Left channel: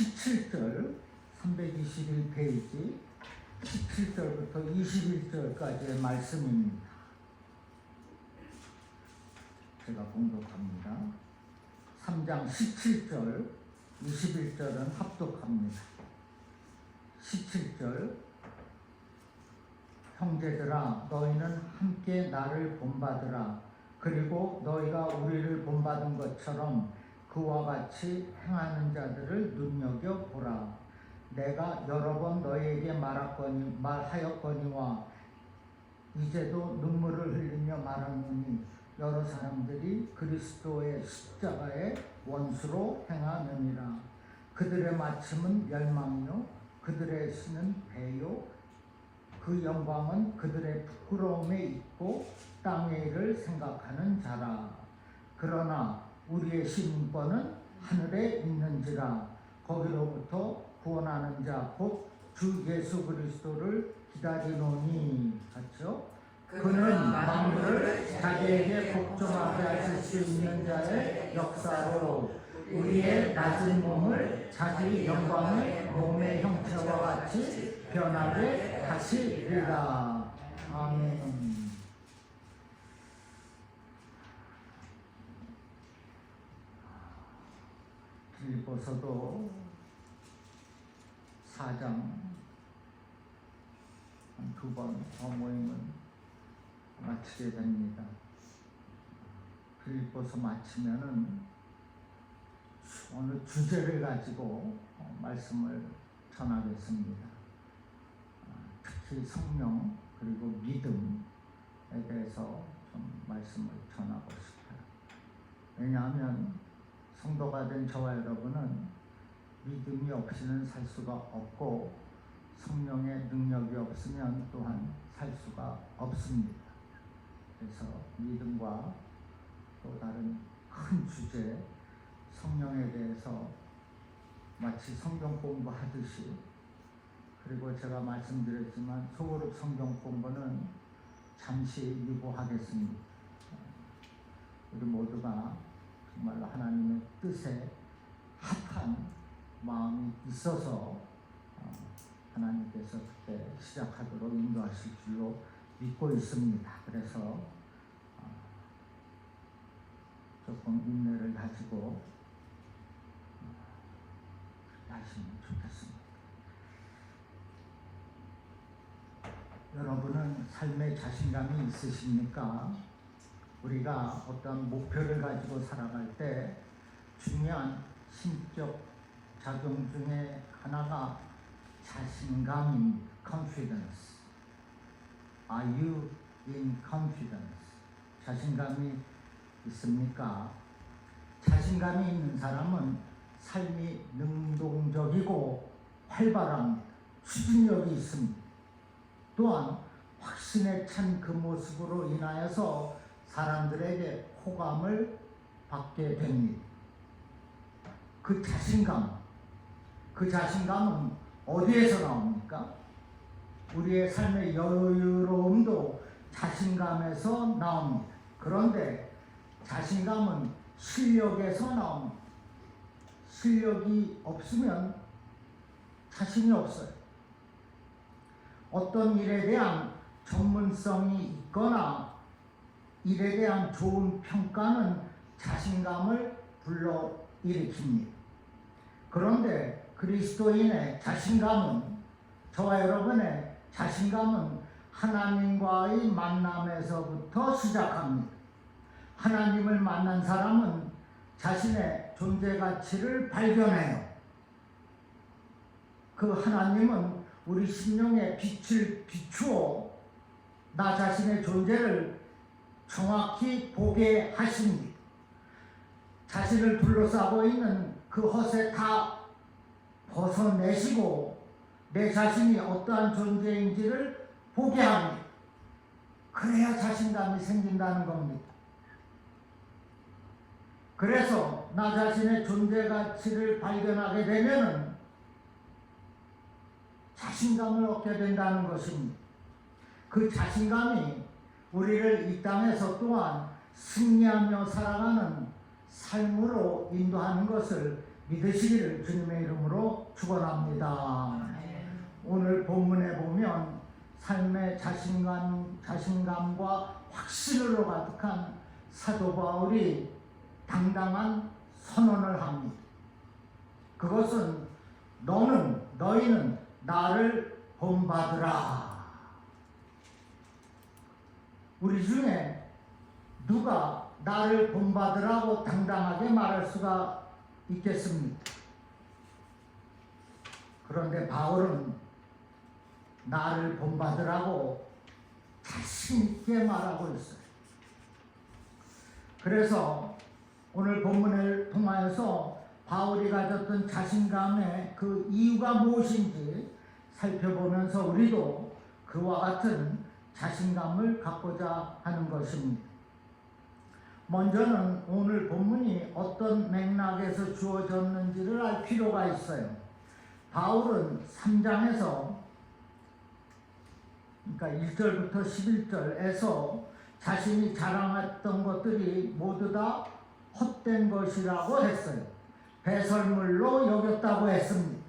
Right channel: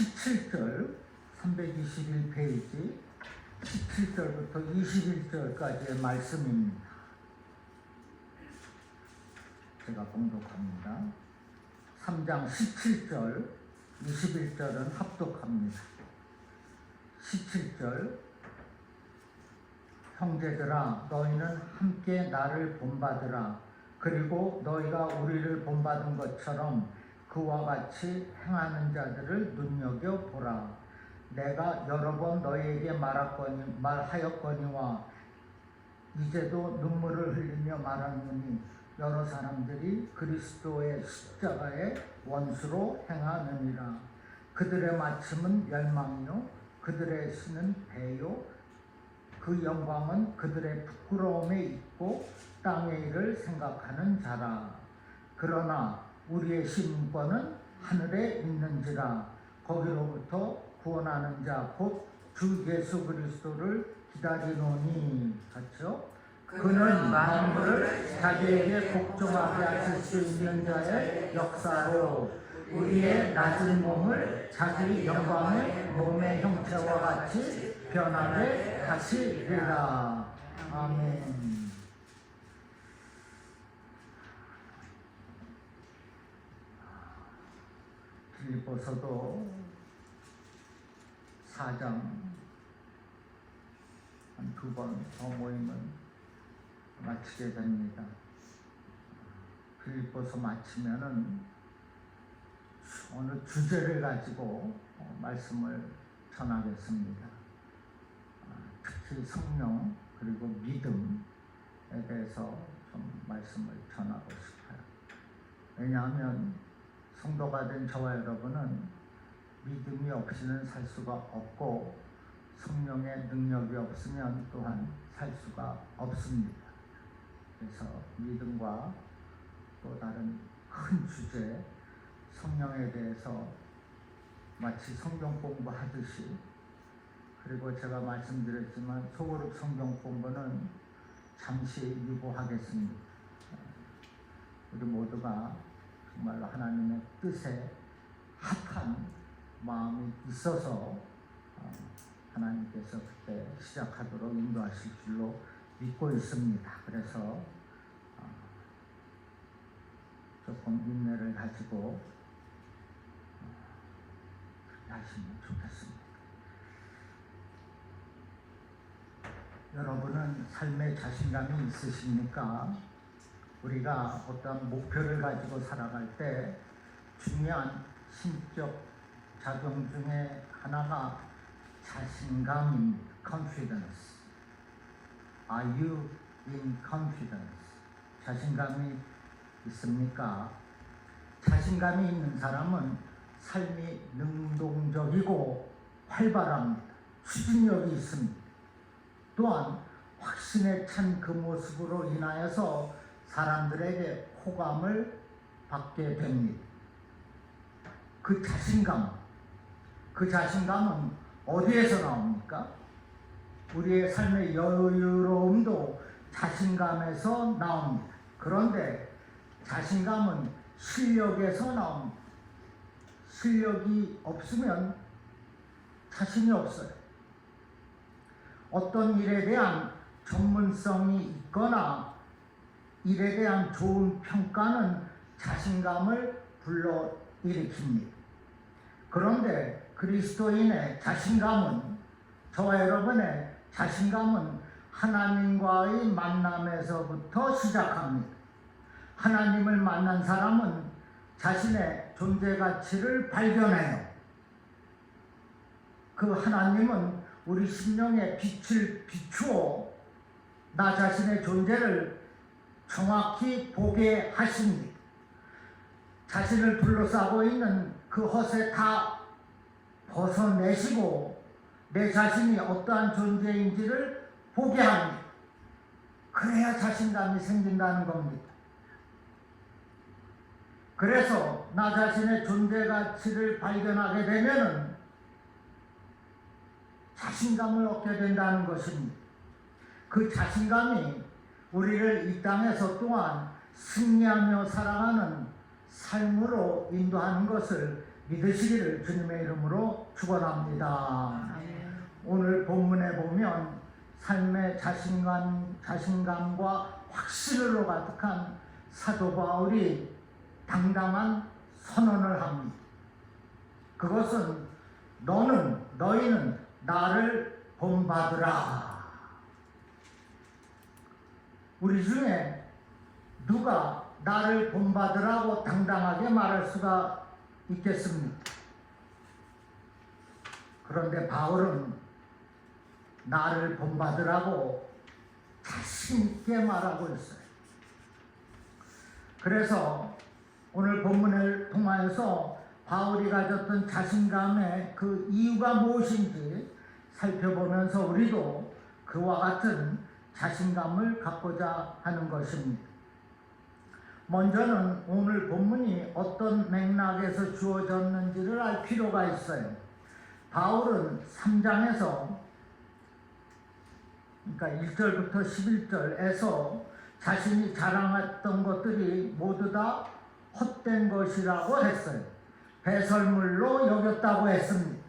17절 321페이지 17절부터 21절까지의 말씀입니다. 제가 공독합니다. 3장 17절 21절은 합독합니다. 17절 형제들아 너희는 함께 나를 본받으라. 그리고 너희가 우리를 본받은 것처럼 그와 같이 행하는 자들을 눈여겨보라. 내가 여러 번 너희에게 말하였거니와 이제도 눈물을 흘리며 말하느니 여러 사람들이 그리스도의 십자가의 원수로 행하느니라. 그들의 마침은 멸망이요 그들의 신은 배요 그 영광은 그들의 부끄러움에 있고 땅의 일을 생각하는 자라. 그러나 우리의 시민권은 하늘에 있는지라. 거기로부터 구원하는 자 곧 주 예수 그리스도를 기다리노니. 같이요. 그는 만물을 자기에게 복종하게 하실 수 있는 자의 역사로 우리의 낮은 몸을 자기 영광의 몸의 형체와 같이 변하게 하시리라. 아멘. 빌립보서도 4장 두 번 모임은 마치게 됩니다. 빌립보서 마치면은 오늘 주제를 가지고 말씀을 전하겠습니다. 특히 성령 그리고 믿음에 대해서 좀 말씀을 전하고 싶어요. 왜냐하면 성도가 된 저와 여러분은 믿음이 없이는 살 수가 없고 성령의 능력이 없으면 또한 살 수가 없습니다. 그래서 믿음과 또 다른 큰 주제 성령에 대해서 마치 성경 공부하듯이, 그리고 제가 말씀드렸지만 소그룹 성경 공부는 잠시 유보하겠습니다. 우리 모두가 정말 하나님의 뜻에 합한 마음이 있어서 하나님께서 그때 시작하도록 인도하실 줄로 믿고 있습니다. 그래서 조금 인내를 가지고 하시면 좋겠습니다. 여러분은 삶에 자신감이 있으십니까? 우리가 어떤 목표를 가지고 살아갈 때 중요한 신적 작용 중에 하나가 자신감입니다. confidence. Are you in confidence? 자신감이 있습니까? 자신감이 있는 사람은 삶이 능동적이고 활발합니다. 추진력이 있습니다. 또한 확신에 찬 그 모습으로 인하여서 사람들에게 호감을 받게 됩니다. 그 자신감은 어디에서 나옵니까? 우리의 삶의 여유로움도 자신감에서 나옵니다. 그런데 자신감은 실력에서 나옵니다. 실력이 없으면 자신이 없어요. 어떤 일에 대한 전문성이 있거나 일에 대한 좋은 평가는 자신감을 불러일으킵니다. 그런데 그리스도인의 자신감은, 저와 여러분의 자신감은 하나님과의 만남에서부터 시작합니다. 하나님을 만난 사람은 자신의 존재 가치를 발견해요. 그 하나님은 우리 심령에 빛을 비추어 나 자신의 존재를 정확히 보게 하십니다. 자신을 둘러싸고 있는 그 헛에 다 벗어내시고 내 자신이 어떠한 존재인지를 보게 합니다. 그래야 자신감이 생긴다는 겁니다. 그래서 나 자신의 존재 가치를 발견하게 되면 자신감을 얻게 된다는 것입니다. 그 자신감이 우리를 이 땅에서 또한 승리하며 살아가는 삶으로 인도하는 것을 믿으시기를 주님의 이름으로 축원합니다. 오늘 본문에 보면 삶의 자신감과 확신으로 가득한 사도 바울이 당당한 선언을 합니다. 그것은 너희는 나를 본받으라. 우리 중에 누가 나를 본받으라고 당당하게 말할 수가 있겠습니까? 그런데 바울은 나를 본받으라고 자신 있게 말하고 있어요. 그래서 오늘 본문을 통하여서 바울이 가졌던 자신감의 그 이유가 무엇인지 살펴보면서 우리도 그와 같은 자신감을 갖고자 하는 것입니다. 먼저는 오늘 본문이 어떤 맥락에서 주어졌는지를 알 필요가 있어요. 바울은 3장에서 그러니까 1절부터 11절에서 자신이 자랑했던 것들이 모두 다 헛된 것이라고 했어요. 배설물로 여겼다고 했습니다.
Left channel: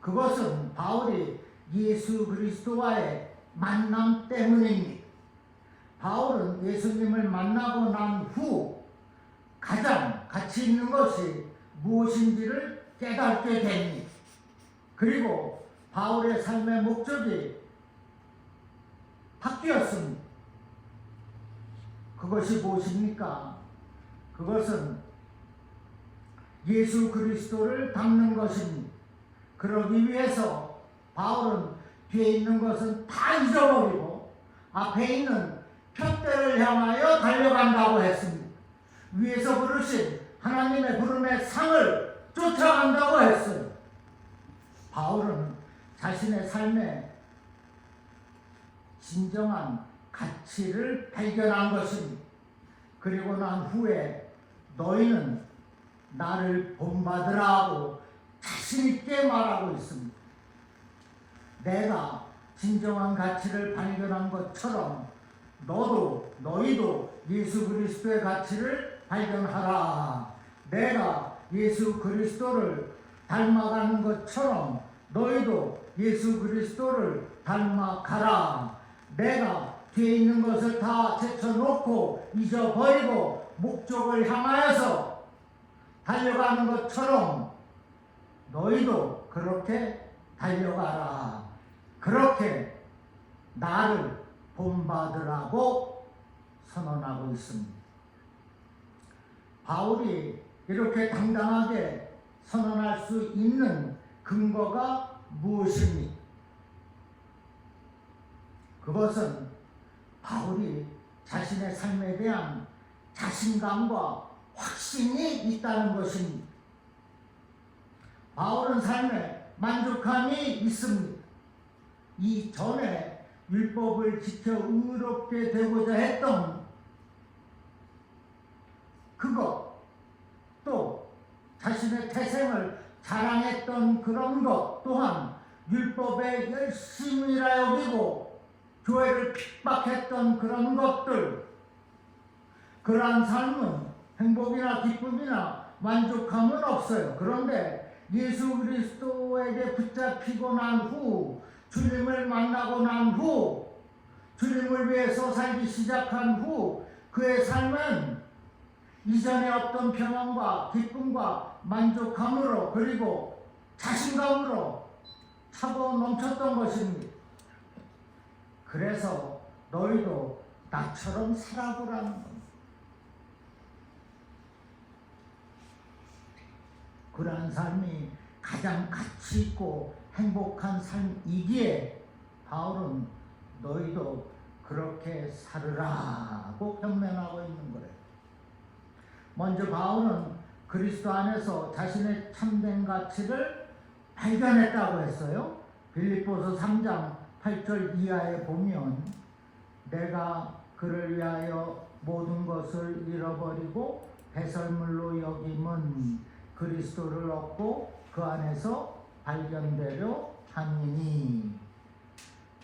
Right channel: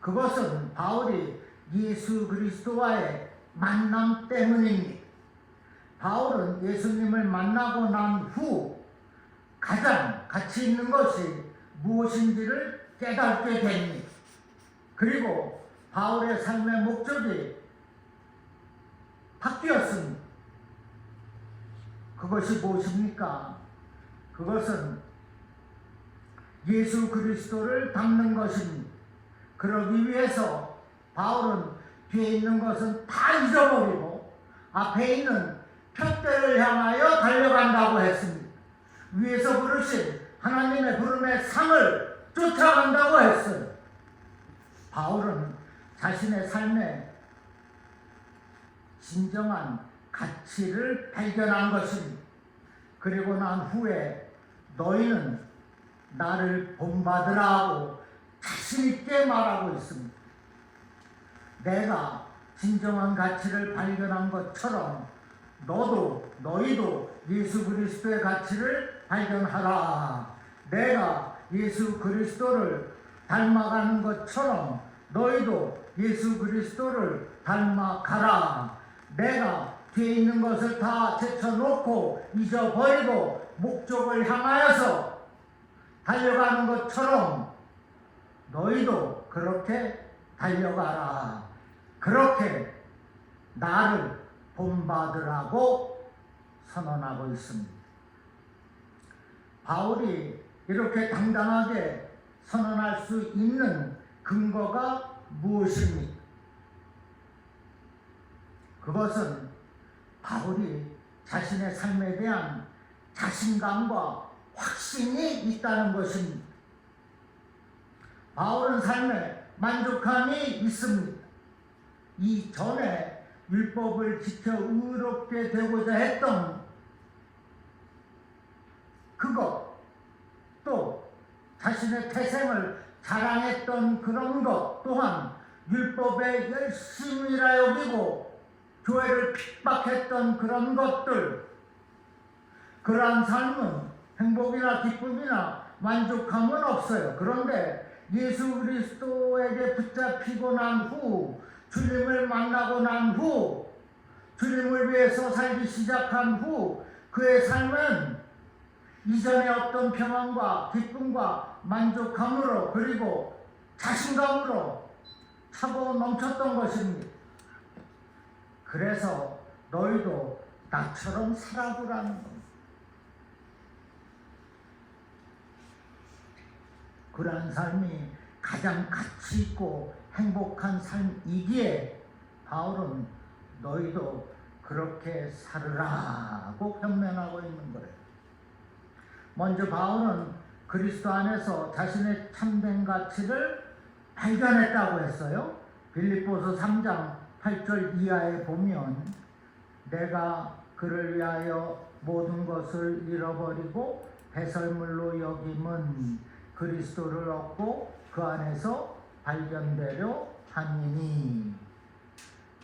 그것은 바울이 예수 그리스도와의 만남 때문입니다. 바울은 예수님을 만나고 난 후 가장 가치 있는 것이 무엇인지를 깨닫게 됩니다. 그리고 바울의 삶의 목적이 바뀌었습니다. 그것이 무엇입니까? 그것은 예수 그리스도를 닮는 것입니다. 그러기 위해서 바울은 뒤에 있는 것은 다 잊어버리고 앞에 있는 표대를 향하여 달려간다고 했습니다. 위에서 부르신 하나님의 부름의 상을 쫓아간다고 했어요. 바울은 자신의 삶에 진정한 가치를 발견한 것입니다. 그리고 난 후에 너희는 나를 본받으라 하고 자신 있게 말하고 있습니다. 내가 진정한 가치를 발견한 것처럼 너희도 예수 그리스도의 가치를 발견하라. 내가 예수 그리스도를 닮아가는 것처럼 너희도 예수 그리스도를 닮아가라. 내가 뒤에 있는 것을 다 제쳐놓고 잊어버리고 목적을 향하여서 달려가는 것처럼 너희도 그렇게 달려가라. 그렇게 나를 본받으라고 선언하고 있습니다. 바울이 이렇게 당당하게 선언할 수 있는 근거가 무엇입니까? 그것은 바울이 자신의 삶에 대한 자신감과 확신이 있다는 것입니다. 바울은 삶에 만족함이 있습니다. 이전에 율법을 지켜 의롭게 되고자 했던 그것, 또 자신의 태생을 자랑했던 그런 것 또한 율법에 열심이라 여기고 교회를 핍박했던 그런 것들, 그러한 삶은 행복이나 기쁨이나 만족함은 없어요. 그런데 예수 그리스도에게 붙잡히고 난 후, 주님을 만나고 난 후, 주님을 위해서 살기 시작한 후 그의 삶은 이전에 없던 평안과 기쁨과 만족함으로 그리고 자신감으로 차고 넘쳤던 것입니다. 그래서 너희도 나처럼 살아보라는 겁니다. 그러한 삶이 가장 가치 있고 행복한 삶이기에 바울은 너희도 그렇게 살으라고 변명하고 있는 거예요. 먼저 바울은 그리스도 안에서 자신의 참된 가치를 발견했다고 했어요. 빌립보서 3장 8절 이하에 보면 내가 그를 위하여 모든 것을 잃어버리고 배설물로 여김은 그리스도를 얻고 그 안에서 발견되려 함이니.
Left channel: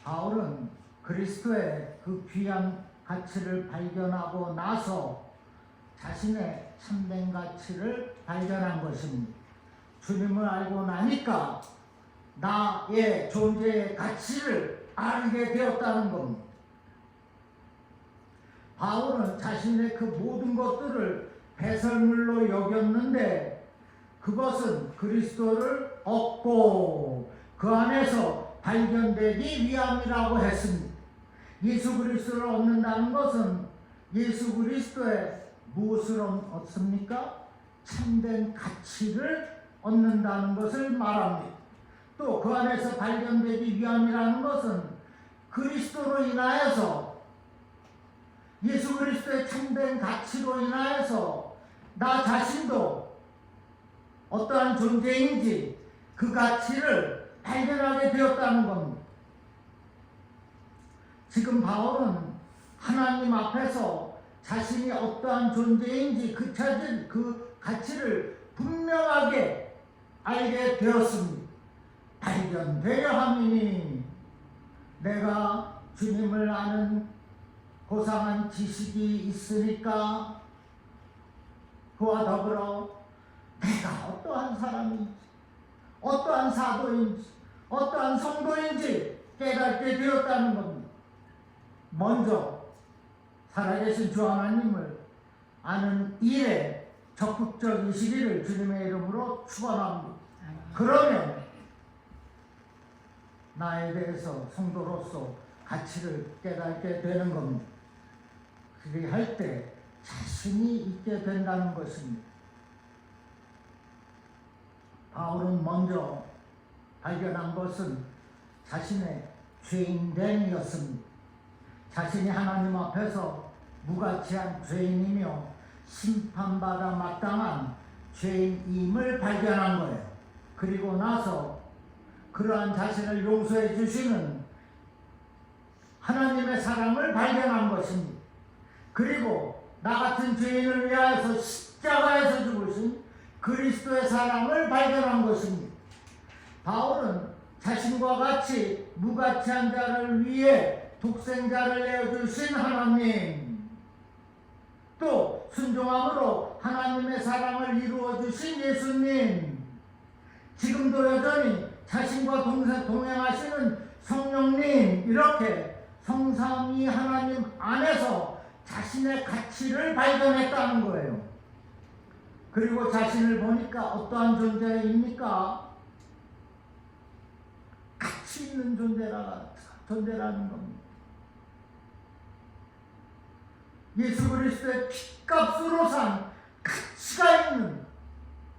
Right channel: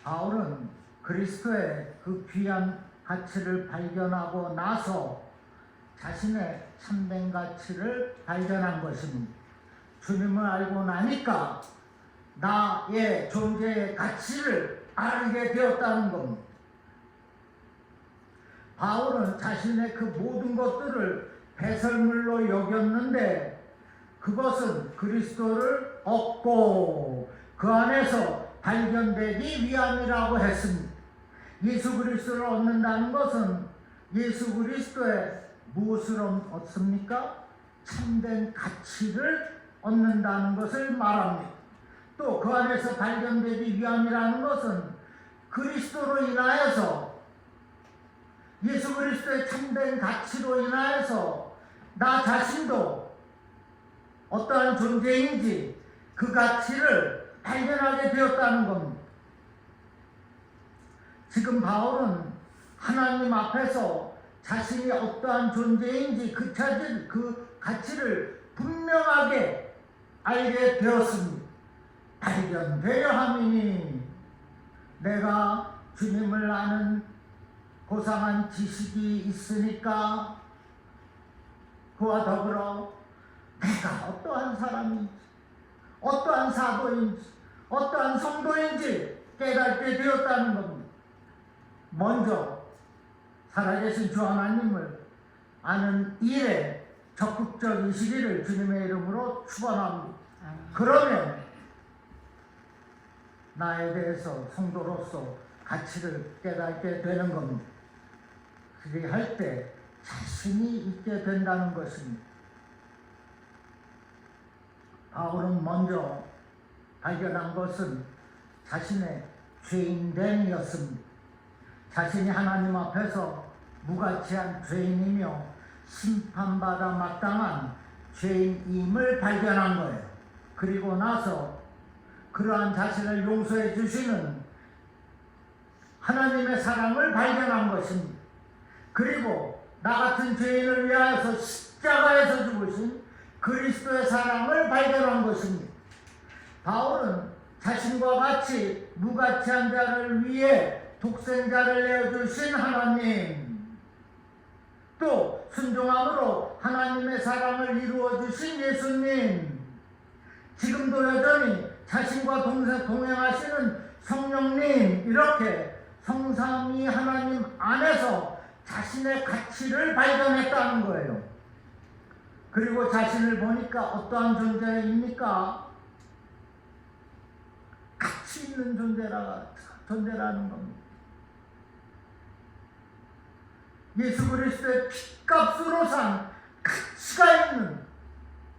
바울은 그리스도의 그 귀한 가치를 발견하고 나서 자신의 참된 가치를 발견한 것입니다. 주님을 알고 나니까 나의 존재의 가치를 알게 되었다는 겁니다. 바울은 자신의 그 모든 것들을 배설물로 여겼는데 그것은 그리스도를 얻고 그 안에서 발견되기 위함이라고 했습니다. 예수 그리스도를 얻는다는 것은 예수 그리스도의 무엇을 얻습니까? 참된 가치를 얻는다는 것을 말합니다. 또 그 안에서 발견되기 위함이라는 것은 그리스도로 인하여서 예수 그리스도의 참된 가치로 인하여서 나 자신도 어떠한 존재인지 그 가치를 발견하게 되었다는 겁니다. 지금 바울은 하나님 앞에서 자신이 어떠한 존재인지 그 가치를 분명하게 알게 되었습니다. 발견되려 함이니 내가 주님을 아는 고상한 지식이 있으니까 그와 더불어 내가 어떠한 사람인지 어떠한 사도인지 어떠한 성도인지 깨닫게 되었다는 겁니다. 먼저 살아계신 주 하나님을 아는 일에 적극적이시기를 주님의 이름으로 축원합니다. 그러면 나에 대해서 성도로서 가치를 깨닫게 되는 겁니다. 그렇게 할 때 자신이 있게 된다는 것입니다. 바울은 먼저 발견한 것은 자신의 죄인됨이었습니다. 자신이 하나님 앞에서 무가치한 죄인이며 심판받아 마땅한 죄인임을 발견한 거예요. 그리고 나서 그러한 자신을 용서해 주시는 하나님의 사랑을 발견한 것입니다. 그리고 나 같은 죄인을 위하여서 십자가에서 죽으신 그리스도의 사랑을 발견한 것입니다. 바울은 자신과 같이 무가치한 자를 위해 독생자를 내어주신 하나님, 또 순종함으로 하나님의 사랑을 이루어주신 예수님, 지금도 여전히 자신과 동행하시는 성령님, 이렇게 성삼위 하나님 안에서 자신의 가치를 발견했다는 거예요. 그리고 자신을 보니까 어떠한 존재입니까? 가치 있는 존재라는 겁니다. 예수 그리스도의 핏값으로 산 가치가 있는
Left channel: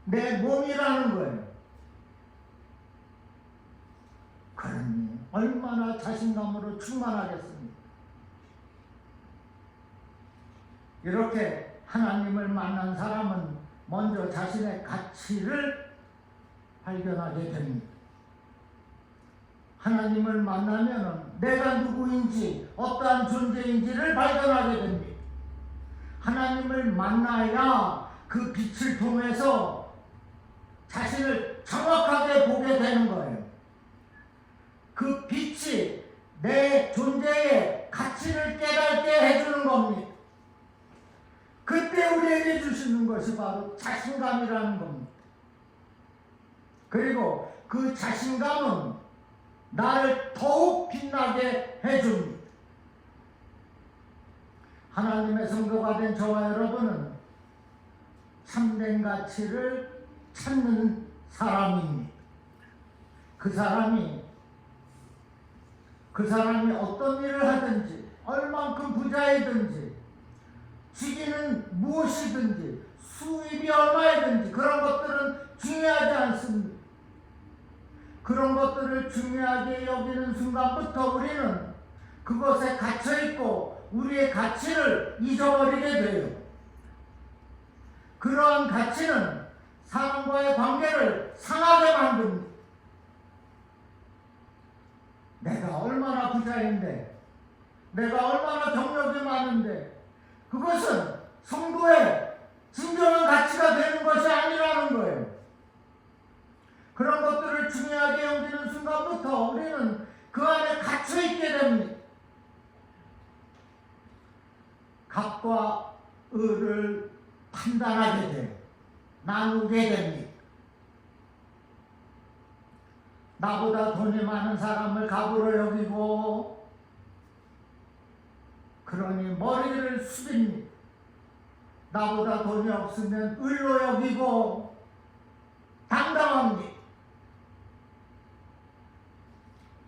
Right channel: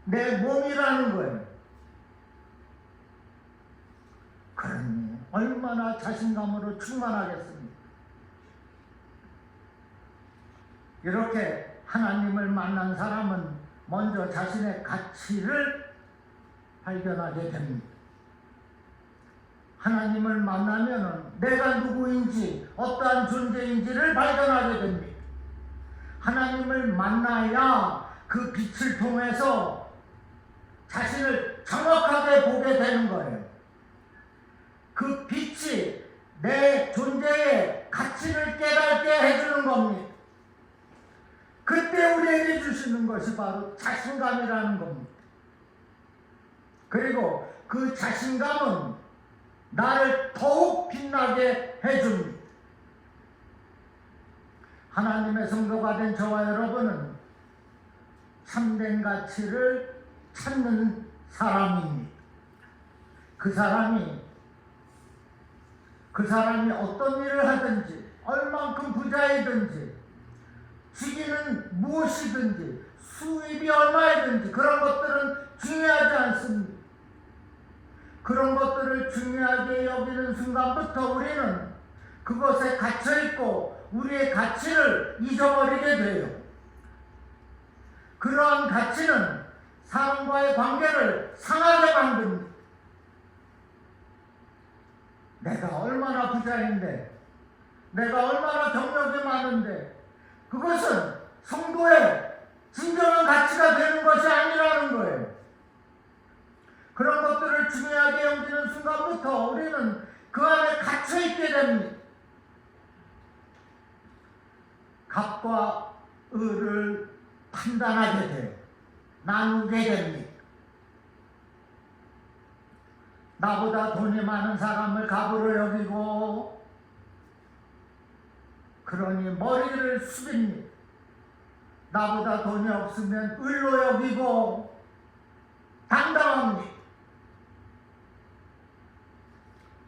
내 몸이라는 거예요. 그러니 얼마나 자신감으로 충만하겠습니까? 이렇게 하나님을 만난 사람은 먼저 자신의 가치를 발견하게 됩니다. 하나님을 만나면 내가 누구인지 어떠한 존재인지를 발견하게 됩니다. 하나님을 만나야 그 빛을 통해서 자신을 정확하게 보게 되는 거예요. 그 빛이 내 존재의 가치를 깨닫게 해주는 겁니다. 그때 우리에게 주시는 것이 바로 자신감이라는 겁니다. 그리고 그 자신감은 나를 더욱 빛나게 해줍니다. 하나님의 성도가 된 저와 여러분은 참된 가치를 찾는 사람입니다. 그 사람이 어떤 일을 하든지 얼만큼 부자이든지 직위는 무엇이든지 수입이 얼마이든지 그런 것들은 중요하지 않습니다. 그런 것들을 중요하게 여기는 순간부터 우리는 그것에 갇혀있고 우리의 가치를 잊어버리게 돼요. 그러한 가치는 사람과의 관계를 상하게 만듭니다. 내가 얼마나 부자인데, 내가 얼마나 경력이 많은데, 그것은 성도의 진정한 가치가 되는 것이 아니라는 거예요. 그런 것들을 중요하게 여기는 순간부터 우리는 그 안에 갇혀있게 됩니다. 갑과 을을 판단하게 돼요. 나누게 됩니다. 나보다 돈이 많은 사람을 갑으로 여기고, 그러니 머리를 숙입니다. 나보다 돈이 없으면 을로 여기고 당당합니다.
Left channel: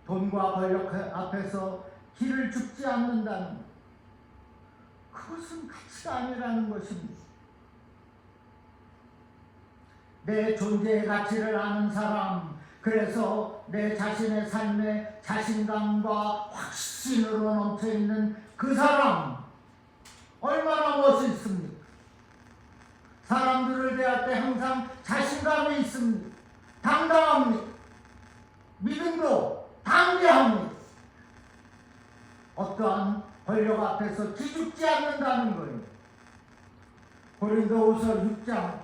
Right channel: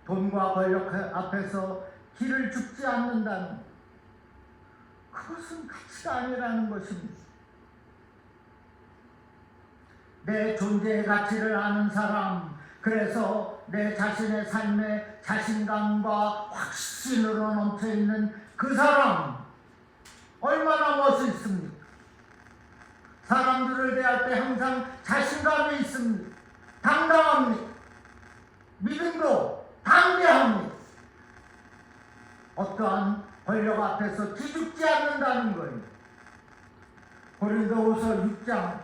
돈과 권력 앞에서 길을 죽지 않는다는 것, 그것은 가치가 아니라는 것입니다. 내 존재의 가치를 아는 사람, 그래서 내 자신의 삶에 자신감과 확신으로 넘쳐있는 그 사람, 얼마나 멋있습니까? 사람들을 대할 때 항상 자신감이 있습니다. 당당합니다. 믿음도 담대합니다. 어떠한 권력 앞에서 기죽지 않는다는 거예요. 고린도후서 6장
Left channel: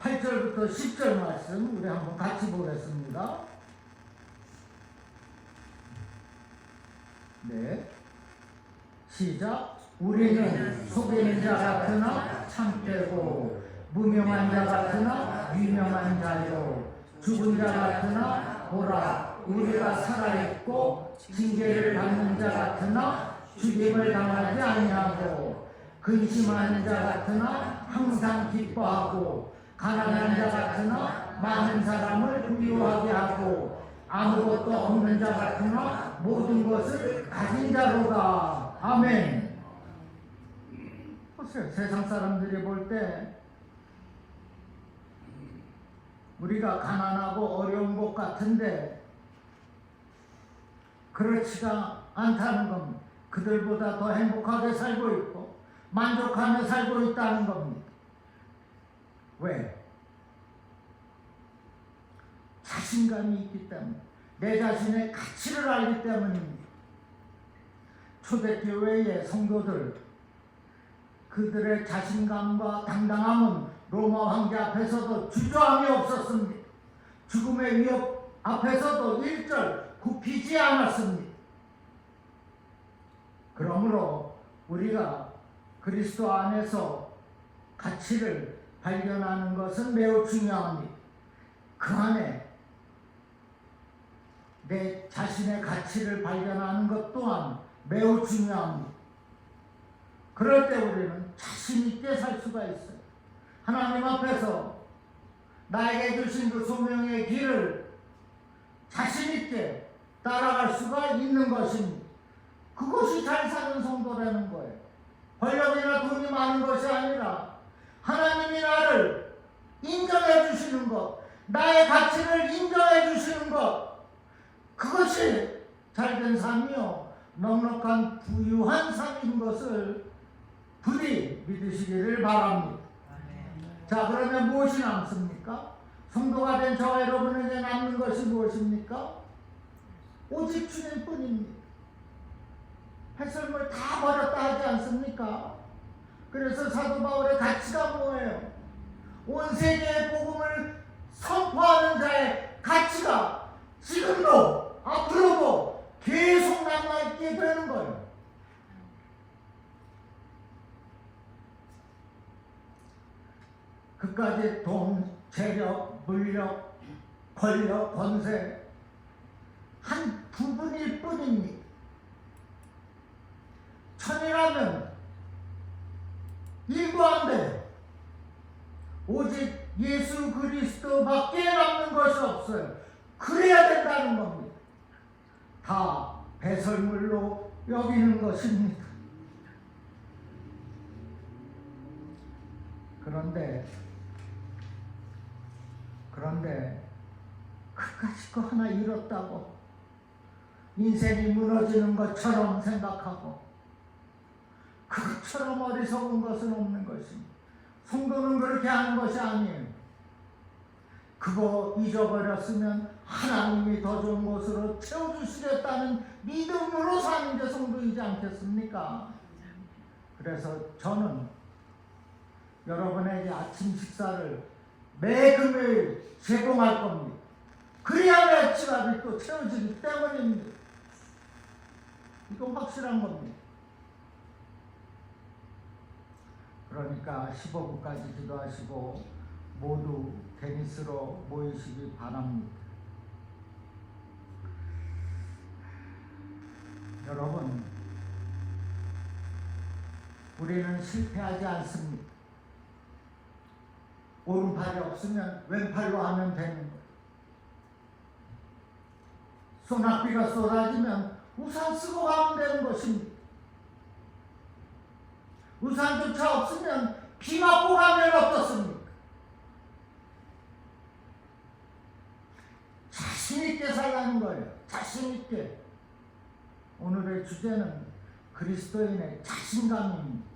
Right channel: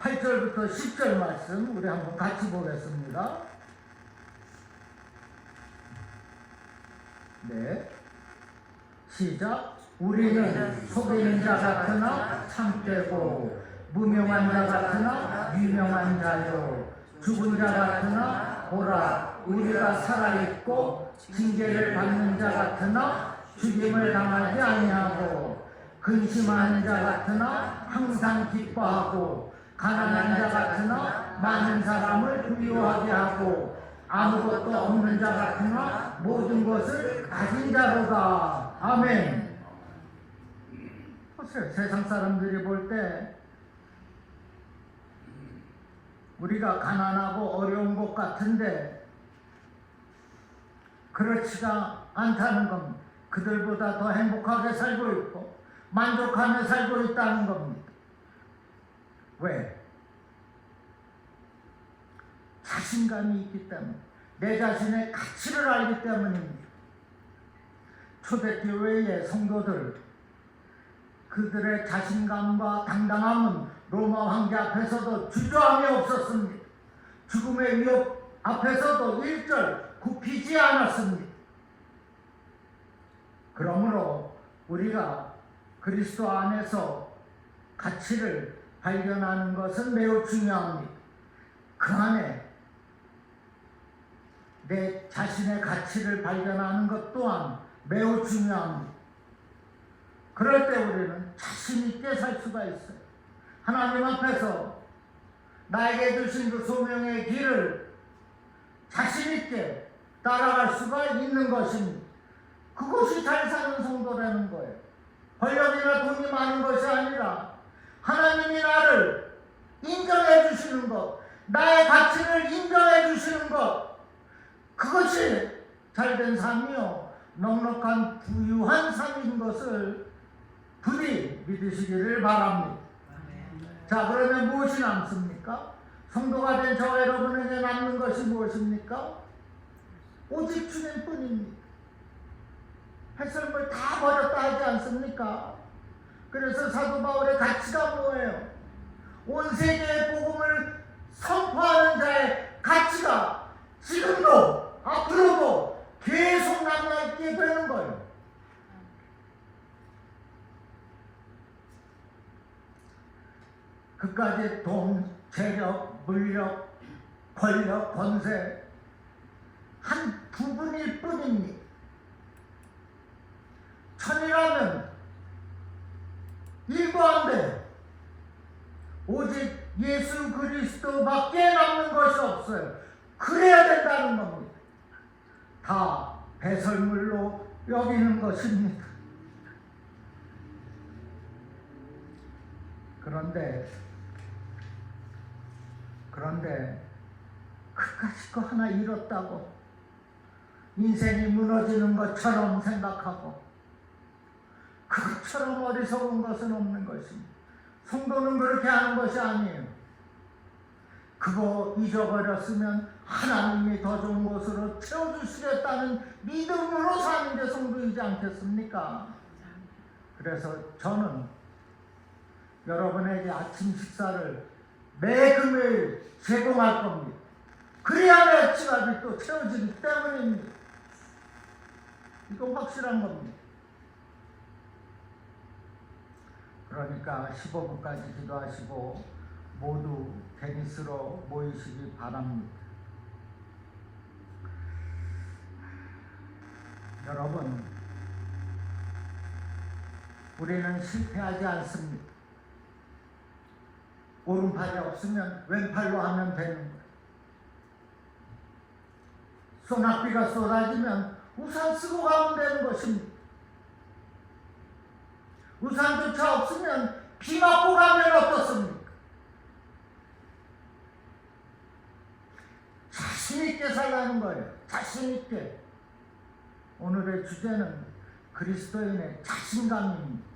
8절부터 10절 말씀 우리 한번 같이 보겠습니다. 네, 시작. 우리는 속이는 자 같으나 참되고, 무명한 자 같으나 유명한 자요, 죽은 자 같으나 보라 우리가 살아있고, 징계를 받는 자 같으나 죽임을 당하지 아니하고, 근심하는 자 같으나 항상 기뻐하고, 가난한 자 같으나 많은 사람을 부유하게 하고, 아무것도 없는 자 같으나 모든 것을 가진 자로다. 아멘. 보세요. 세상 사람들이 볼 때 우리가 가난하고 어려운 것 같은데 그렇지가 않다는 겁니다. 그들보다 더 행복하게 살고 있고 만족하며 살고 있다는 겁니다. 왜? 자신감이 있기 때문에, 내 자신의 가치를 알기 때문입니다. 초대교회의 성도들, 그들의 자신감과 당당함은 로마 황제 앞에서도 주저함이 없었습니다. 죽음의 위협 앞에서도 일절 굽히지 않았습니다. 그러므로 우리가 그리스도 안에서 가치를 발견하는 것은 매우 중요합니다. 그 안에 내 자신의 가치를 발견하는 것 또한 매우 중요합니다. 그럴 때 우리는 자신 있게 살 수가 있어요. 하나님 앞에서 나에게 주신 그 소명의 길을 자신 있게 따라갈 수가 있는 것입니다. 그것이 잘 사는 성도라는 거예요. 권력이나 돈이 많은 것이 아니라 하나님이 나를 인정해 주시는 것, 나의 가치를 인정해 주시는 것, 그것이 잘된 삶이요 넉넉한 부유한 삶인 것을 부디 믿으시기를 바랍니다. 자, 그러면 무엇이 남습니까? 성도가 된 저와 여러분에게 남는 것이 무엇입니까? 오직 주님뿐입니다. 햇설물 다 버렸다 하지 않습니까? 그래서 사도 바울의 가치가 뭐예요? 온 세계의 복음을 선포하는 자의 가치가 지금도 앞으로도 계속 남아있게 되는 거예요. 그까지 돈, 재력, 물력, 권력, 권세 한 부분일 뿐입니다. 천이라면 일도 안 돼. 오직 예수 그리스도밖에 남는 것이 없어요. 그래야 된다는 겁니다. 다 배설물로 여기는 것입니다. 그런데 그까짓 거 하나 잃었다고 인생이 무너지는 것처럼 생각하고 그것처럼 어리석은 것은 없는 것입니다. 성도는 그렇게 하는 것이 아니에요. 그거 잊어버렸으면 하나님이 더 좋은 것으로 채워주시겠다는 믿음으로 사는 게 성도이지 않겠습니까? 그래서 저는 여러분에게 아침 식사를 매 금요일 제공할 겁니다. 그래야 내 지갑이 또 채워지기 때문입니다. 이건 확실한 겁니다. 그러니까 15분까지 기도하시고 모두 테니스로 모이시기 바랍니다. 우리는 실패하지 않습니다. 오른팔이 없으면 왼팔로 하면 되는 거예요. 소낙비가 쏟아지면 우산 쓰고 가면 되는 것입니다. 우산조차 없으면 비 맞고 가면 어떻습니까? 자신있게 살라는 거예요. 자신있게. 오늘의 주제는 그리스도인의 자신감입니다.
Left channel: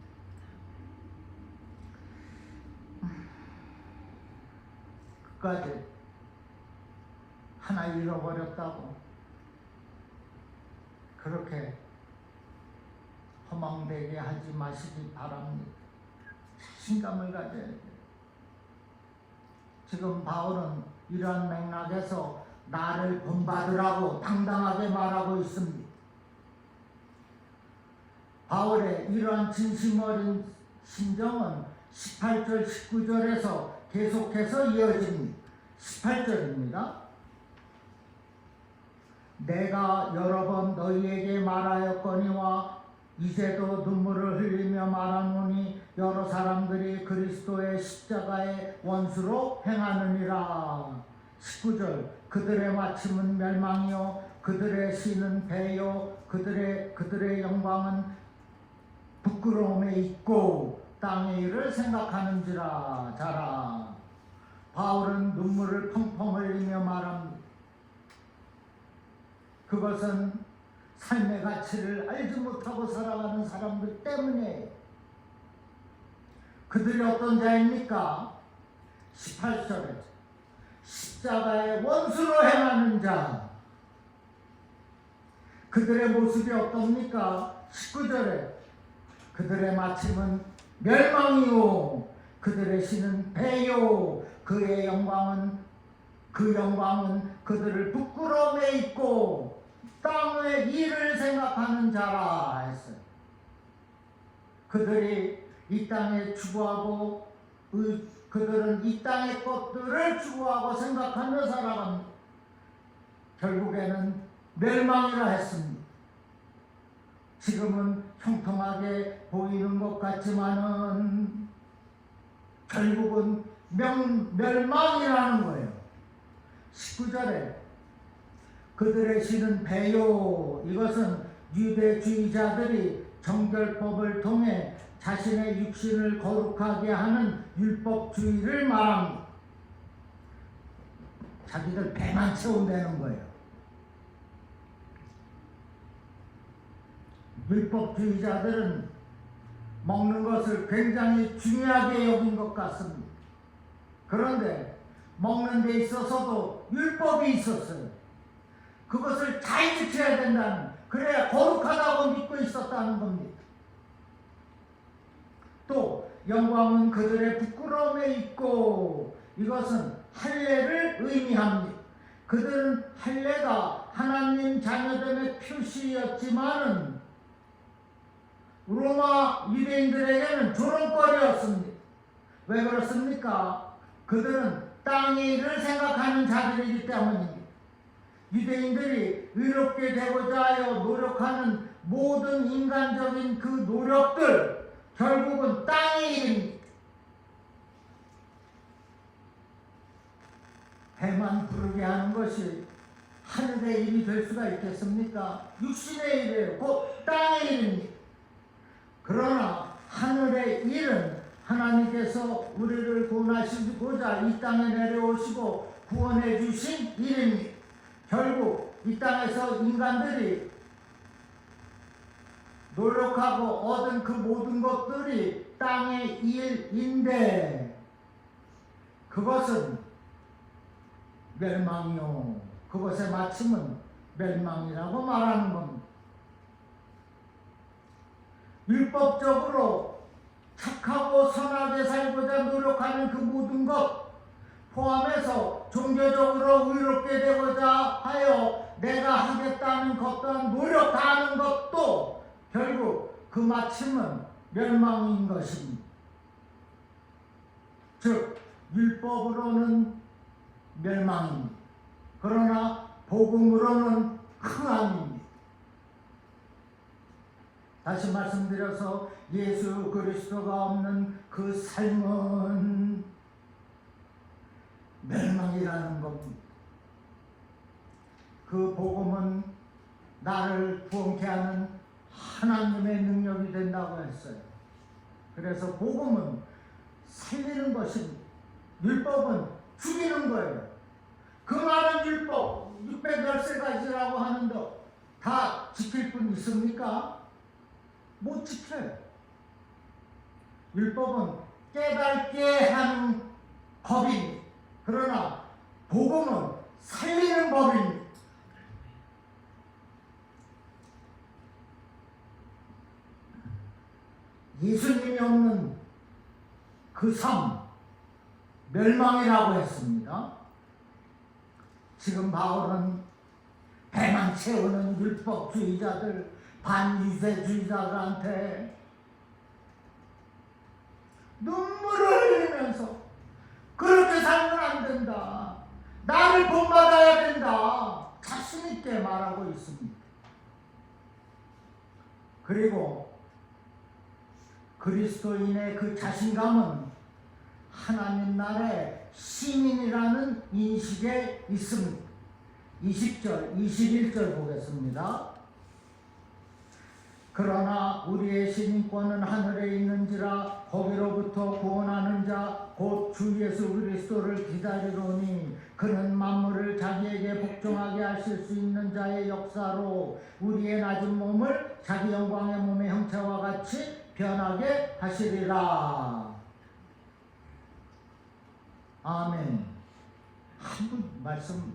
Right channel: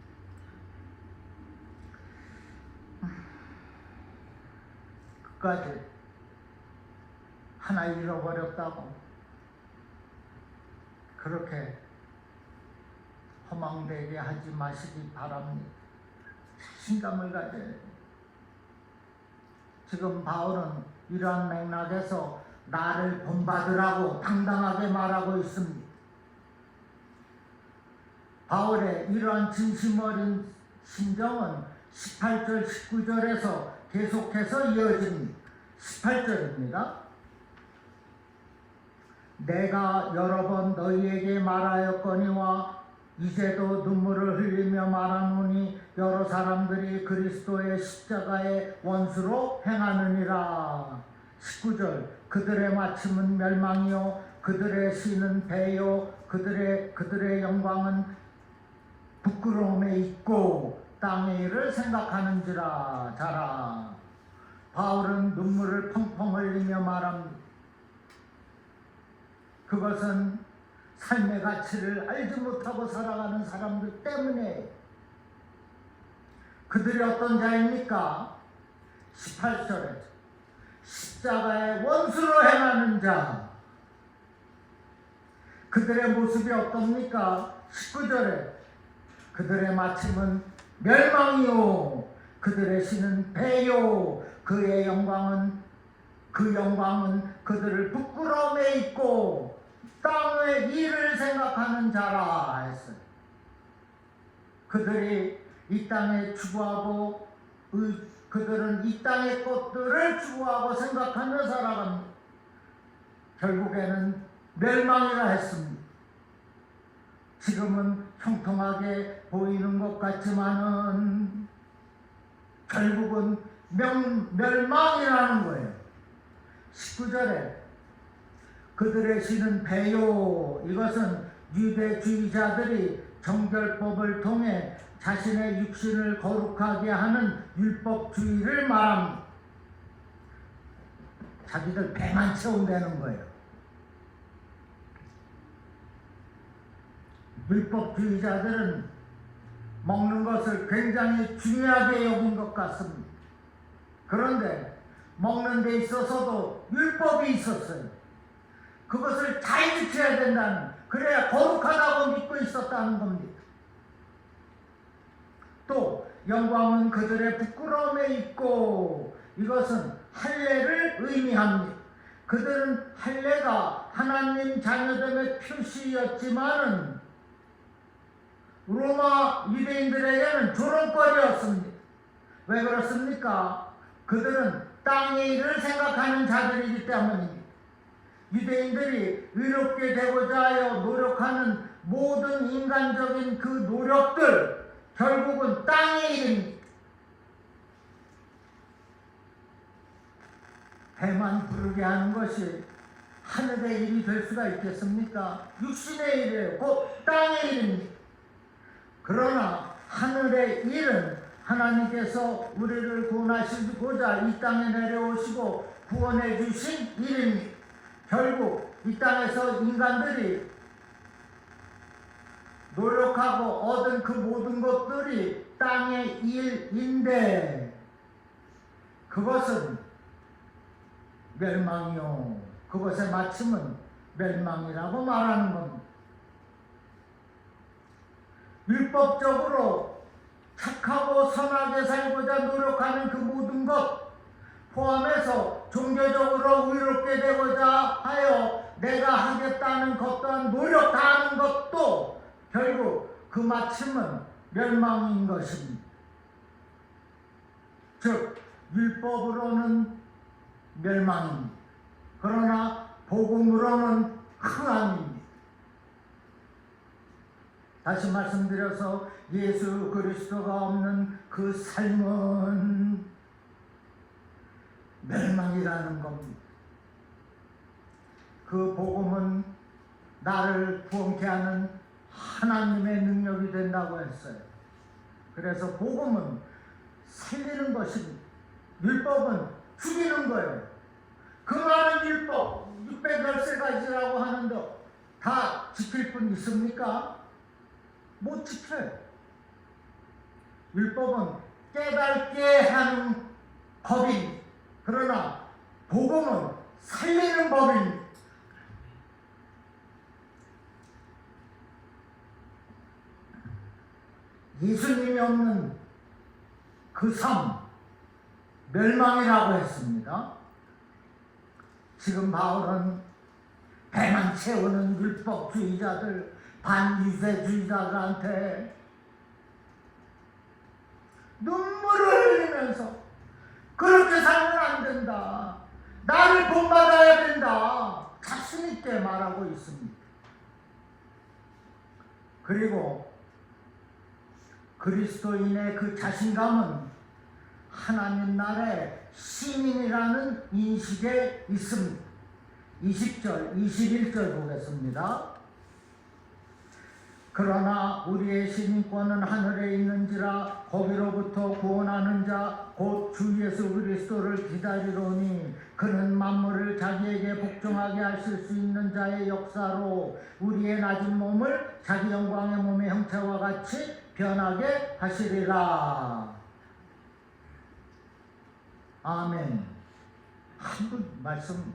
끝까지 하나 잃어버렸다고 그렇게 허망되게 하지 마시기 바랍니다. 자신감을 가져야 돼요. 지금 바울은 이러한 맥락에서 나를 본받으라고 당당하게 말하고 있습니다. 바울의 이러한 진심 어린 심정은 18절 19절에서 계속해서 이어집니다. 18절입니다. 내가 여러 번 너희에게 말하였거니와 이제도 눈물을 흘리며 말하노니 여러 사람들이 그리스도의 십자가의 원수로 행하느니라. 19절 그들의 마침은 멸망이요 그들의 시는 배요 그들의 영광은 부끄러움에 있고 땅의 일을 생각하는지라. 자라. 바울은 눈물을 펑펑 흘리며 말합니다. 그것은 삶의 가치를 알지 못하고 살아가는 사람들 때문에. 그들이 어떤 자입니까? 18절에 십자가의 원수로 행하는 자. 그들의 모습이 어떻습니까? 19절에 그들의 마침은 멸망이요 그들의 시는 배요 그 영광은 그들을 부끄러움에 있고 땅의 일을 생각하는 자라 했어요. 그들이 이 땅에 추구하고 그들은 이 땅의 것들을 추구하고 생각하며 살아갑니다. 결국에는 멸망이라 했습니다. 지금은 형통하게 보이는 것 같지만은 결국은 멸망이라는 거예요. 19절에 그들의 시는 배요. 이것은 유대주의자들이 정결법을 통해 자신의 육신을 거룩하게 하는 율법주의를 말합니다. 자기들 배만 채운다는 거예요. 율법주의자들은 먹는 것을 굉장히 중요하게 여긴 것 같습니다. 그런데 먹는 데 있어서도 율법이 있었어요. 그것을 잘 지켜야 된다는, 그래야 거룩하다고 믿고 있었다는 겁니다. 또 영광은 그들의 부끄러움에 있고, 이것은 할례를 의미합니다. 그들은 할례가 하나님 자녀됨의 표시였지만은 로마 유대인들에게는 조롱거리였습니다. 왜 그렇습니까? 그들은 땅의 일을 생각하는 자들이기 때문입니다. 유대인들이 의롭게 되고자 하여 노력하는 모든 인간적인 그 노력들 결국은 땅의 일입니다. 배만 부르게 하는 것이 하늘의 일이 될 수가 있겠습니까? 육신의 일이에요. 곧 땅의 일입니다. 그러나 하늘의 일은 하나님께서 우리를 구원하시고자 이 땅에 내려오시고 구원해 주신 일입니다. 결국 이 땅에서 인간들이 노력하고 얻은 그 모든 것들이 땅의 일인데 그것은 멸망이요. 그것의 마침은 멸망이라고 말하는 겁니다. 율법적으로 착하고 선하게 살고자 노력하는 그 모든 것 포함해서 종교적으로 의롭게 되고자 하여 내가 하겠다는 것 또한 노력 다하는 것도 결국 그 마침은 멸망인 것입니다. 즉 율법으로는 멸망입니다. 그러나 복음으로는 흥함입니다. 다시 말씀드려서 예수 그리스도가 없는 그 삶은 멸망이라는 겁니다. 그 복음은 나를 구원케 하는 하나님의 능력이 된다고 했어요. 그래서 복음은 살리는 것입니다. 율법은 죽이는 거예요. 그 많은 율법 613가지라고 하는데 다 지킬 분 있습니까? 못 지켜요. 율법은 깨닫게 하는 법입니다. 그러나 복음은 살리는 법입니다. 예수님이 없는 그 삶, 멸망이라고 했습니다. 지금 바울은 배만 채우는 율법주의자들, 반유대주의자들한테 눈물을 흘리면서 그렇게 살면 안 된다. 나를 본받아야 된다. 자신 있게 말하고 있습니다. 그리고 그리스도인의 그 자신감은 하나님 나라의 시민이라는 인식에 있습니다. 20절, 21절 보겠습니다. 그러나 우리의 시민권은 하늘에 있는지라 거기로부터 구원하는 자 곧 주 예수 그리스도를 기다리노니 그는 만물을 자기에게 복종하게 하실 수 있는 자의 역사로 우리의 낮은 몸을 자기 영광의 몸의 형체와 같이 변하게 하시리라. 아멘. 한번 말씀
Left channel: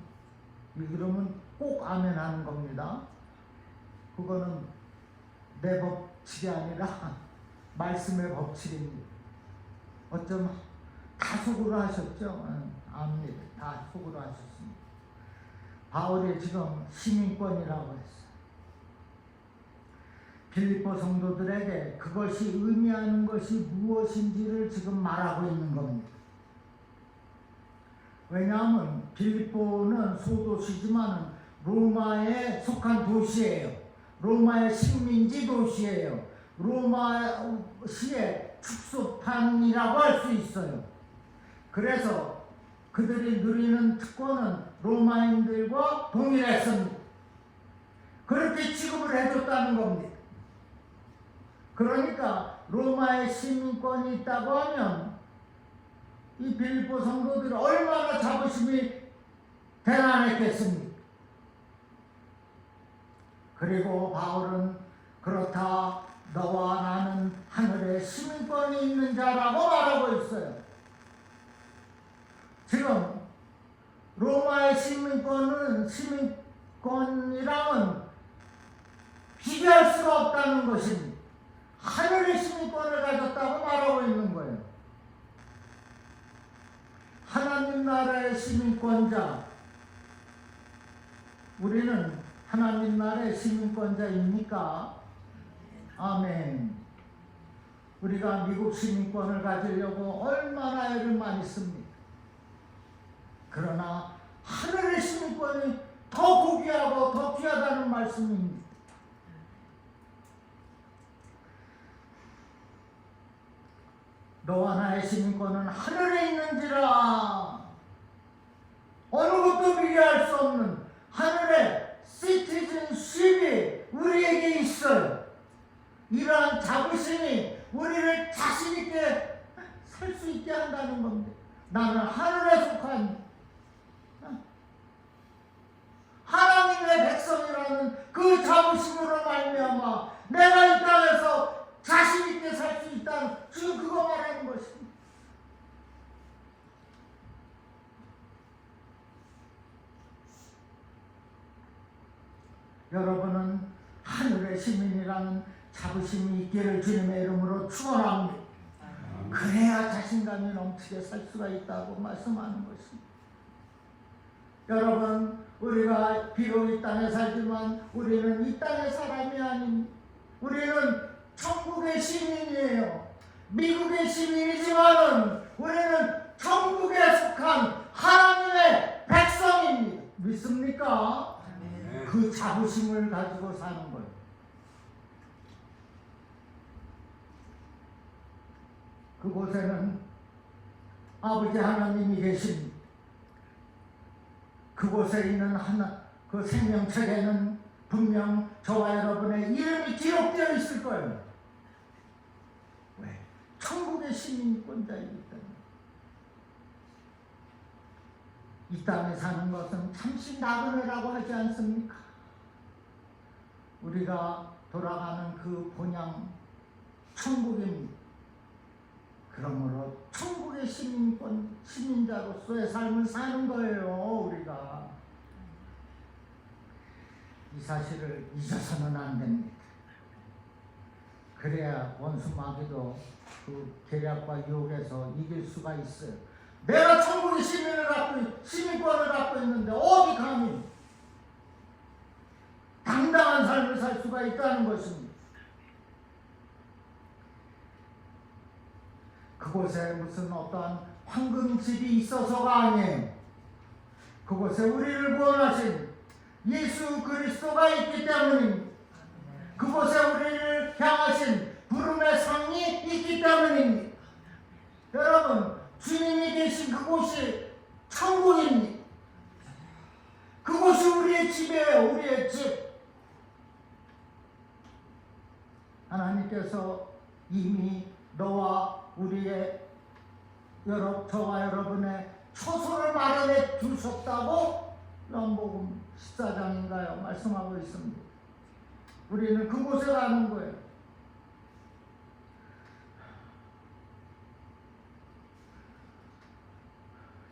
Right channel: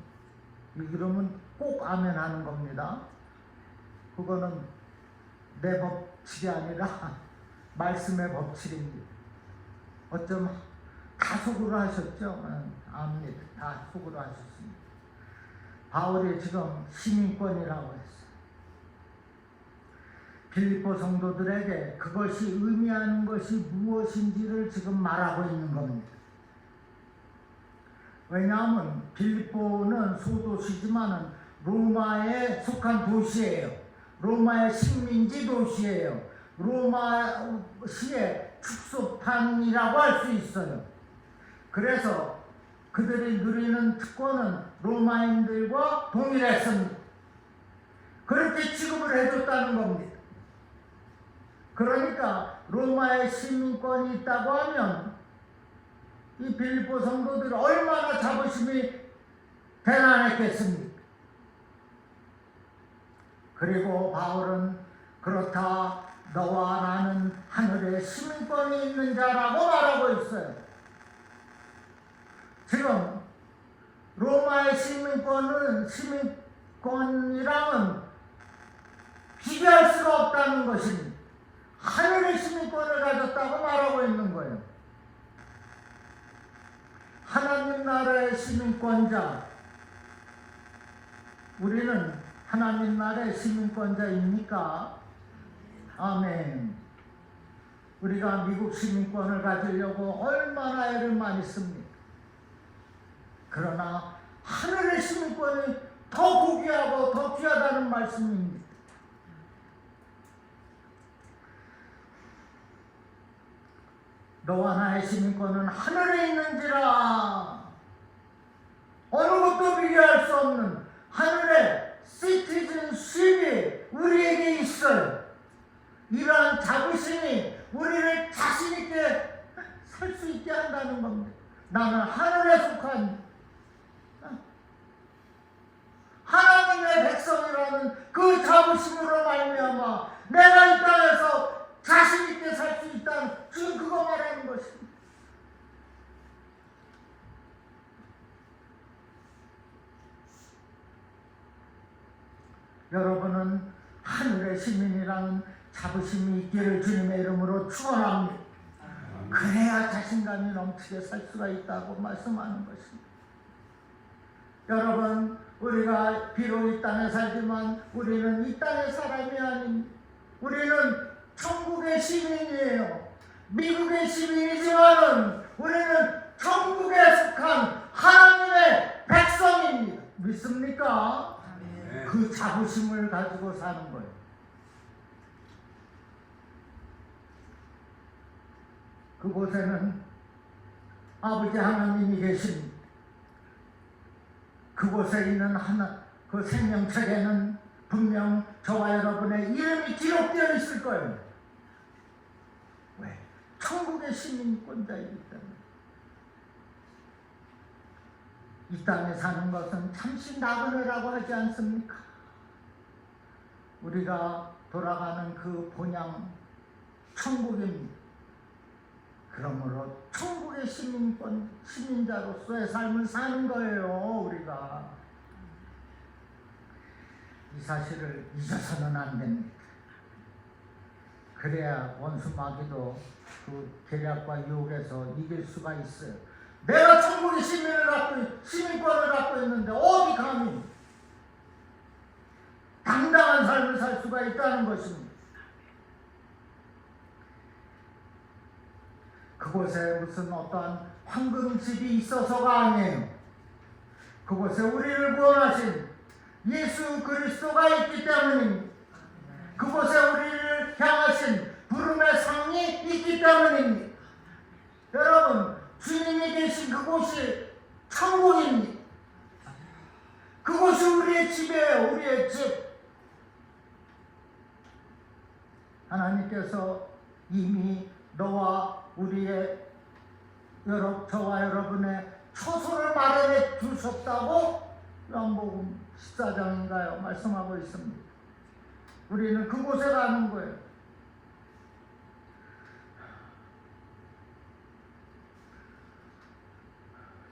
읽으면 꼭 아멘 하는 겁니다. 그거는 내 법칙이 아니라 말씀의 법칙입니다. 어쩜 다 속으로 하셨죠? 압니다. 다 속으로 하셨습니다. 바울이 지금 시민권이라고 했어요. 빌립보 성도들에게 그것이 의미하는 것이 무엇인지를 지금 말하고 있는 겁니다. 왜냐하면 빌립보는 소도시지만 로마에 속한 도시예요. 로마의 식민지 도시예요. 로마시의 축소판이라고 할 수 있어요. 그래서 그들이 누리는 특권은 로마인들과 동일했습니다. 그렇게 취급을 해줬다는 겁니다. 그러니까 로마의 시민권이 있다고 하면 이 빌립보 성도들이 얼마나 자부심이 대단했겠습니까? 그리고 바울은 그렇다, 너와 나는 하늘에 시민권이 있는 자라고 말하고 있어요. 지금 로마의 시민권이랑은 비교할 수가 없다는 것입니다. 하늘의 시민권을 가졌다고 말하고 있는 거예요. 하나님 나라의 시민권자, 우리는 하나님 나라의 시민권자입니까? 아멘. 우리가 미국 시민권을 가지려고 얼마나 애를 많이 씁니까? 그러나 하늘의 시민권이 더 고귀하고 더 귀하다는 말씀입니다. 너와 나의 시민권은 하늘에 있는지라. 어느 것도 비교할 수 없는 하늘의 시티즌십이 우리에게 있어요. 이러한 자부심이 우리를 자신있게 살 수 있게 한다는 겁니다. 나는 하늘에 속한 하나님의 백성이라는 그 자부심으로 말미암아 내가 이 땅에서 자신있게 살 수 있다는, 지금 그거 말하는 것입니다. 여러분은 하늘의 시민이라는 자부심이 있기를 주님의 이름으로 축원합니다. 그래야 자신감이 넘치게 살 수가 있다고 말씀하는 것입니다. 여러분, 우리가 비록 이 땅에 살지만 우리는 이 땅의 사람이 아닙니다. 우리는 천국의 시민이에요. 미국의 시민이지만은 우리는 천국에 속한 하나님의 백성입니다. 믿습니까? 네. 그 자부심을 가지고 사는 거예요. 그곳에는 아버지 하나님이 계신 그곳에 있는 그 생명책에는 분명 저와 여러분의 이름이 기록되어 있을 거예요. 왜? 천국의 시민권자이기 때문에. 이 땅에 사는 것은 잠시 나그네라고 하지 않습니까? 우리가 돌아가는 그 본향 천국입니다. 그러므로 천국의 시민자로서의 삶을 사는 거예요, 우리가. 이 사실을 잊어서는 안 됩니다. 그래야 원수 마귀도 그 계략과 유혹에서 이길 수가 있어요. 내가 천국의 시민권을 갖고 있는데 어디 감히 당당한 삶을 살 수가 있다는 것입니다. 그곳에 무슨 어떠한 황금집이 있어서가 아니에요. 그곳에 우리를 구원하신 예수 그리스도가 있기 때문입니다. 그곳에 우리를 향하신 부름의 상이 있기 때문입니다. 여러분, 주님이 계신 그곳이 천국입니다. 그곳이 우리의 집이에요. 우리의 집. 하나님께서 이미 너와 저와 여러분의 처소를 마련해 주셨다고 요한복음 14장인가요? 말씀하고 있습니다. 우리는 그곳에 가는 거예요.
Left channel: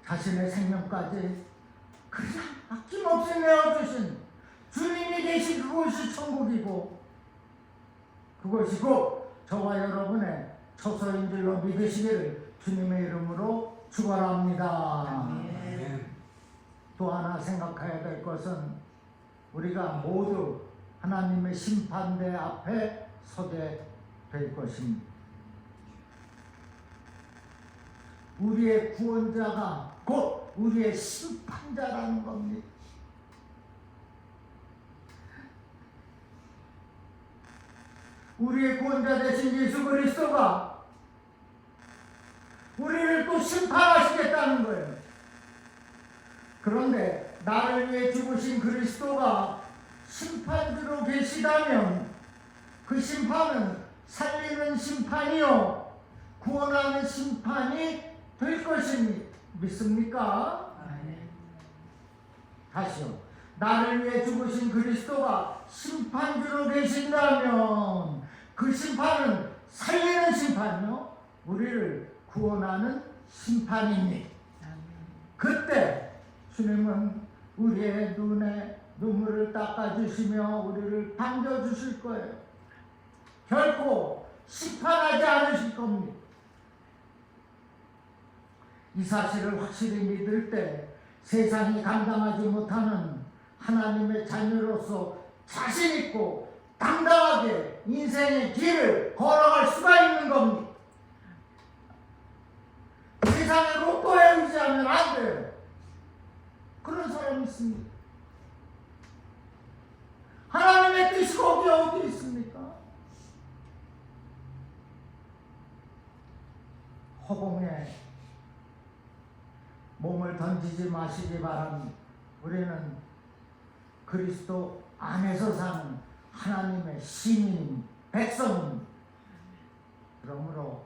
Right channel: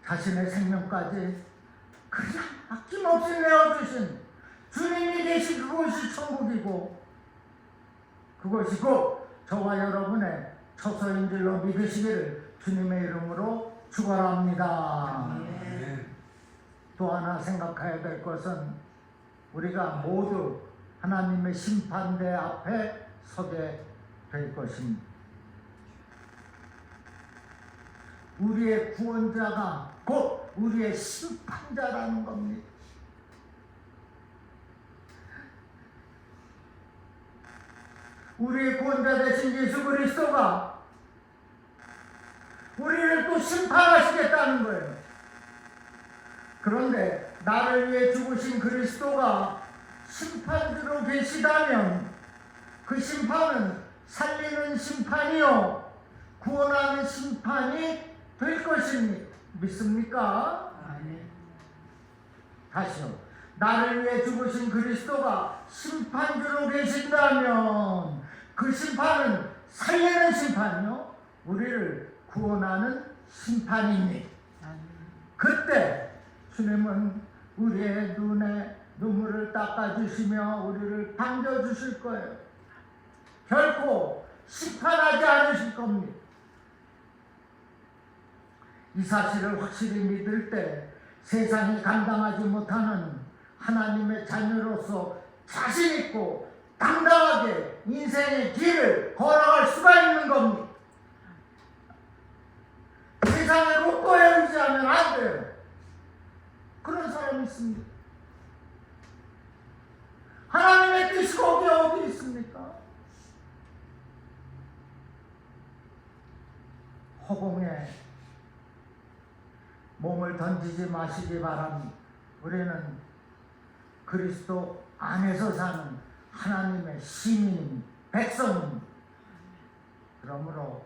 자신의 생명까지 그냥 아낌없이 내어주신 주님이 계신 그곳이 천국이고, 그것이고 저와 여러분의 처소인 줄로 믿으시기를 주님의 이름으로 축원합니다. 또 하나 생각해야 될 것은 우리가 모두 하나님의 심판대 앞에 서게 될 것입니다. 우리의 구원자가 곧 우리의 심판자라는 겁니다. 우리의 구원자 되신 예수 그리스도가 우리를 또 심판하시겠다는 거예요. 그런데 나를 위해 죽으신 그리스도가 심판주로 계시다면 그 심판은 살리는 심판이요 구원하는 심판이 될 것입니다. 믿습니까? 다시요. 나를 위해 죽으신 그리스도가 심판주로 계신다면 그 심판은 살리는 심판이요 우리를 구원하는 심판입니다. 그때 주님은 우리의 눈에 눈물을 닦아주시며 우리를 반겨주실 거예요. 결코 심판하지 않으실 겁니다. 이 사실을 확실히 믿을 때 세상이 감당하지 못하는 하나님의 자녀로서 자신있고 당당하게 인생의 길을 걸어갈 수가 있는 겁니다. 세상의 로또에 의지하면 안 돼요. 그런 사람이 있습니다. 하나님의 뜻이 거기 어디 있습니까? 허공에 몸을 던지지 마시기 바랍니다. 우리는 그리스도 안에서 사는 하나님의 시민, 백성입니다. 그러므로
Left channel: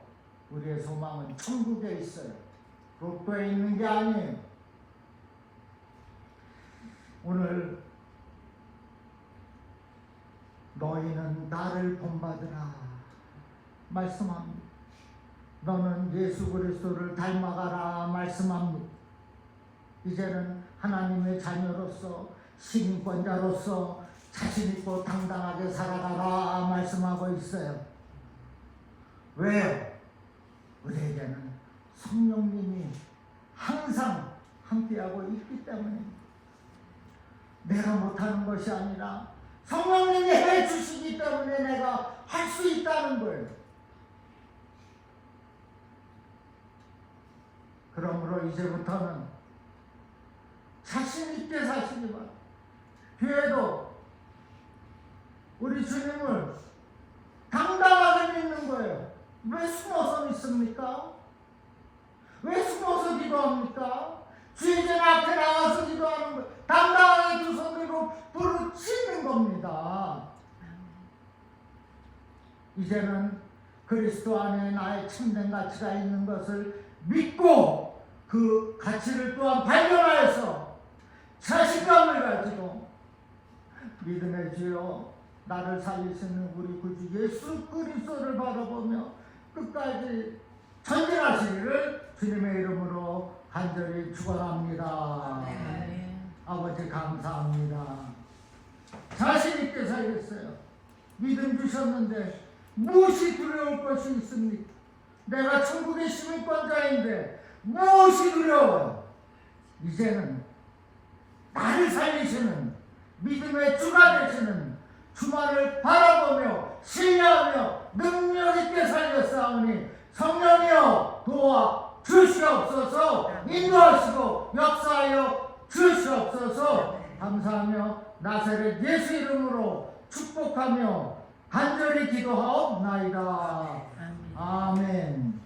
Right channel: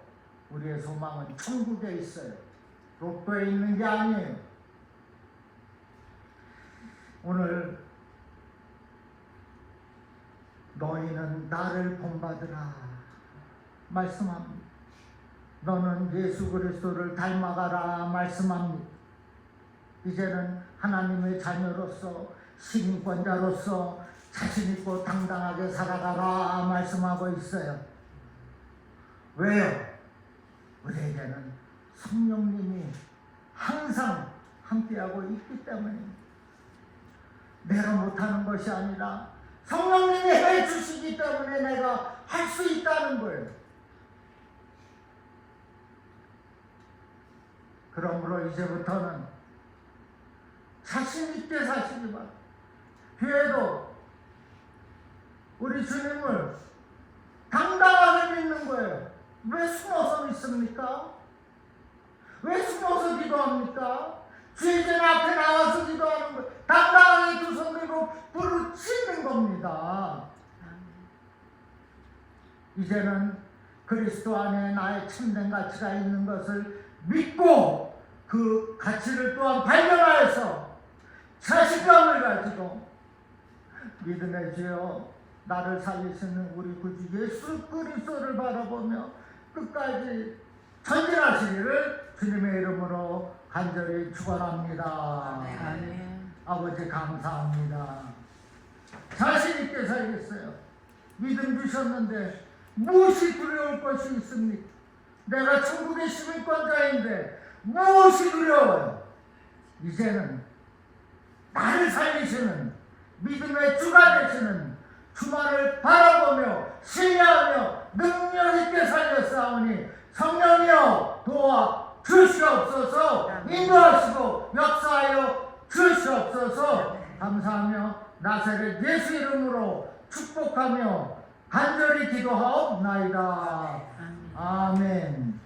우리의 소망은 천국에 있어요. 로또에 있는 게 아니에요. 오늘 너희는 나를 본받으라 말씀합니다. 너는 예수 그리스도를 닮아가라 말씀합니다. 이제는 하나님의 자녀로서 시민권자로서 자신있고 당당하게 살아가라 말씀하고 있어요. 왜요? 우리에게는 성령님이 항상 함께하고 있기 때문입니다. 내가 못하는 것이 아니라 성령님이 해주시기 때문에 내가 할 수 있다는 거예요. 그러므로 이제부터는 자신있게 사시기 바랍니다. 교회도 우리 주님을 당당하게 믿는 거예요. 왜 숨어서 믿습니까? 찾습니까? 왜 숨어서 기도합니까? 주의전 앞에 나와서 기도하는 거, 당당하게 두 손 들고 부르짖는 겁니다. 이제는 그리스도 안에 나의 참된 가치가 있는 것을 믿고 그 가치를 또한 발견하여서 자신감을 가지고 믿음의 주여 나를 살리시는 우리 구주 예수 그리스도를 바라보며 끝까지 전진하시기를 주님의 이름으로 간절히 축원합니다. 아버지 감사합니다. 자신 있게 살겠어요. 믿음 주셨는데 무엇이 두려울 것이 있습니까? 내가 천국의 시민권자인데 무엇이 두려워요? 이제는 나를 살리시는 믿음의 주가 되시는 주만을 바라보며 신뢰하며 능력 있게 살렸사오니 성령이여 도와 주시옵소서. 인도하시고 역사하여 주시옵소서. 감사하며 나사렛 예수 이름으로 축복하며 간절히 기도하옵나이다. 아멘.